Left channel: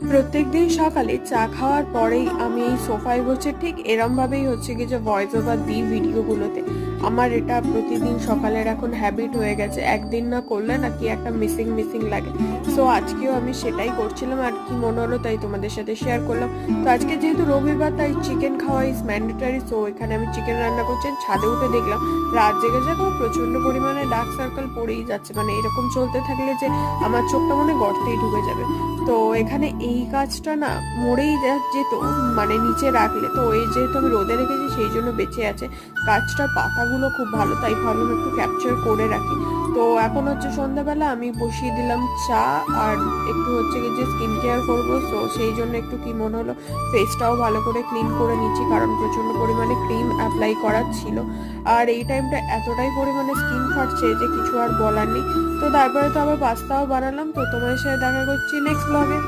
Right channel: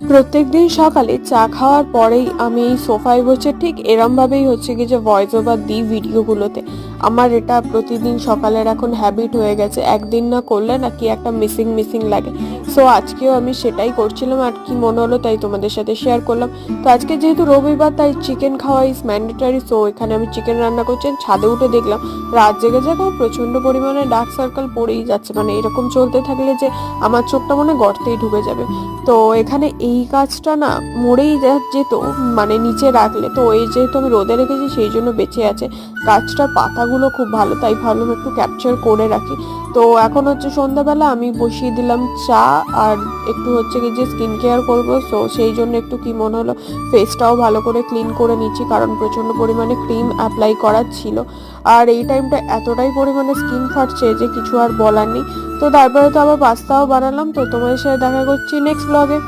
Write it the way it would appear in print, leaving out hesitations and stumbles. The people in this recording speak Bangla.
প্রত্যেকদিন সকালে চা খাওয়ার পরেই আমি এই সোফায় বসে ঠিক এরম ভাবেই হচ্ছে কি যে ভয়েস ওভার দিই ভিডিওগুলোতে। আমার এটা প্রতিদিন সকালের এখন হ্যাবিট হয়ে গেছে, একদিন না করলে না কি একটা মিসিং মিসিং লাগে। সো আজকেও আমি সেটাই করছিলাম, আর কি মনে হলো তাই তোমাদের সাথে শেয়ার করলাম। তো আজকে যেহেতু রবিবার তাই চিকেন খাওয়া ইজ ম্যান্ডেটারি, সো এখানে আমি চিকেন রান্না করছি। ছাদে উঠে দেখলাম রাত জেগে যাক আমার প্রচন্ড পরিমাণে ডার্ক সার্কেল পড়েই যাচ্ছে, মানে এরকম চলতে থাকলে যে আমার চোখটা মনে হয় গর্তেই ঢুকে যাবে। তো এখানে এই গাছটা না মরেই যেত, মানে নিচে রাখলে, তো এই যেহেতু আমি রোদে রেখেছি সেই জন্য বেঁচে আছে। গাছটার পাতাগুলো খুব ভালো, তাই ভাবলাম একটু ক্যাপচার করে রাখি। তো এখন হচ্ছে সন্ধ্যাবেলা আমি বসিয়ে দিলাম চা, আর একটু হচ্ছে কি যে স্কিন কেয়ার করবো, সো সেই জন্য একটু কি মনে হলো ফেসটাও ভালো করে ক্লিন করে নিচ্ছি, কারণ প্রচন্ড পরিমাণে ক্রিম অ্যাপ্লাই করার ছিল। আর এই টাইমটা এতটাই পরিমাণে স্কিন ফাটছে যে কিছু আর বলার নেই। তো তারপরে তো আবার পাস্তাও বানালাম। তো তোমাদের সাথে দেখা করছি নেক্সট ব্লগে।